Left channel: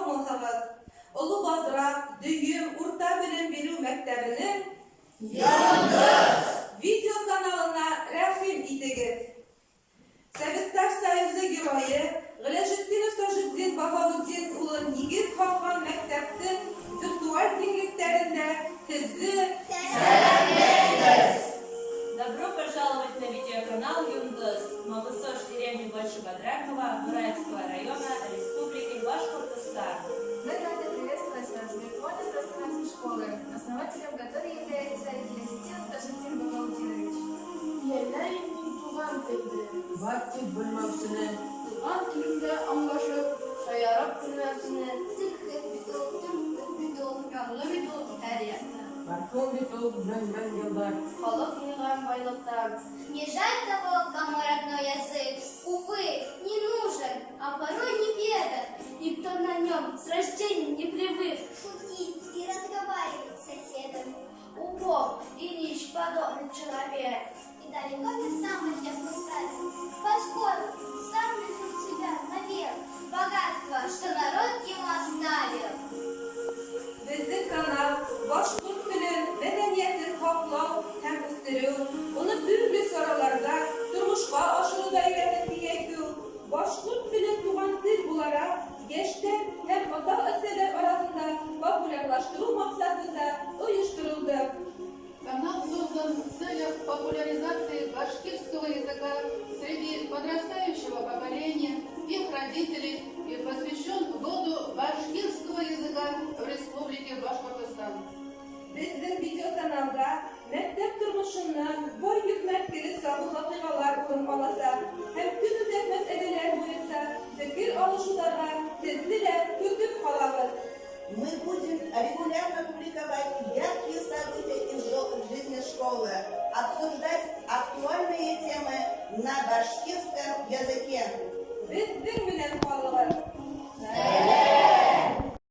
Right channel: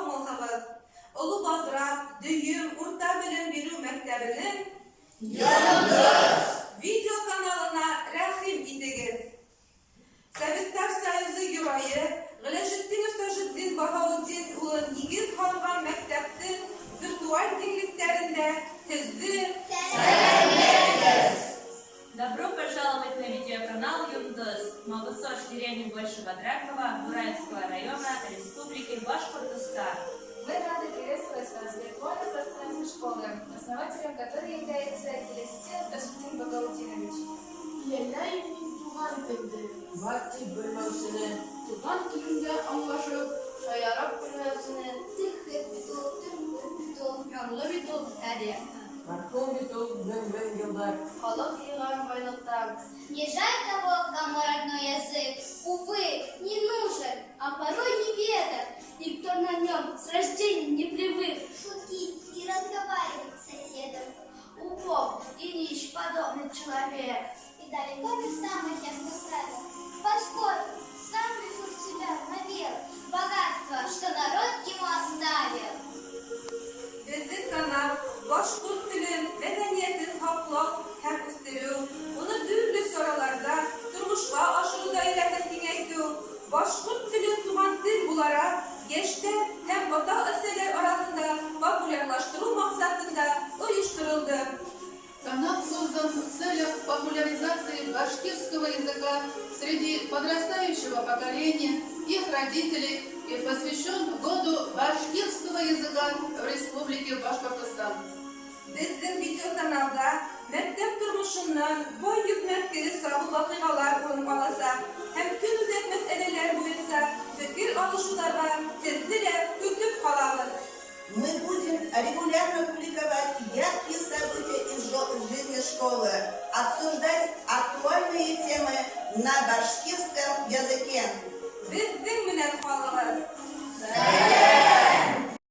sağ mıhımız. Ulu Bazrak, Düğüm, Urta Bilim Biru Mektebi'nin Yıldız video kanalına rahim itiniz. Sevitler Sayızı Güvayı, Gılajittin Ustajittin Bahavuddin Ulun Yigiz Halkan Mektep'tin virtual birliklerinde sizi selamlayız. Добро пожаловать на видеоканал Юндыз, Малысош деревни Большебодрякова, Бураевского района, Республики Башкортостан. Мы рады приветствовать вас в виртуальном пространстве школы, основателем которой является Гилязитдин Тажитдин Багаудинович. Yerler tuğan tildi. Vakti bilmevsini, Tuğan tilinde anlaşıp, şayarap bilmevsini, Тихий бідон, yanlı bir dol her yerden. marhum bitul bin yıllar. Halak yığan baylıktan. Не жаль того, кому родной язык, увы, не нужен, а порой не ведом, И кто на нем с рождения не привык. шутить и разговаривать с соседом. Убог и нищ подобный человек. И далеко не самый честный стадий, поскольку сам лишил себя навек богатства, что народ ему оставил. Bizim kanal Başkurt Dilin Medeniyetini Haklav hem üstürü, onu türlü sorularda durmuşqa aşırıda öğreten kengeytü, Başkurt Dili tuğan dil bulara geçti hem ata eserler arasında popülerlaştırу maksatında uyuşturuldu. Канал создан в целях популяризации башкирского языка среди подрастающего поколения, их родителей и посвящен году башкирского языка в Республике Башкортостан. Bizim video kanalda mektep durmuşundan boy yükmeltkili sabı vakıgalar orun alasa, hem günüzek meseleler boyunca fikir alışularga tezliyle hüküm kalabız. Мы будем регулярно публиковать яркие события из жизни школы, обсуждать актуальные темы на башкирском языке. Bizim bilen kalığız. Selam!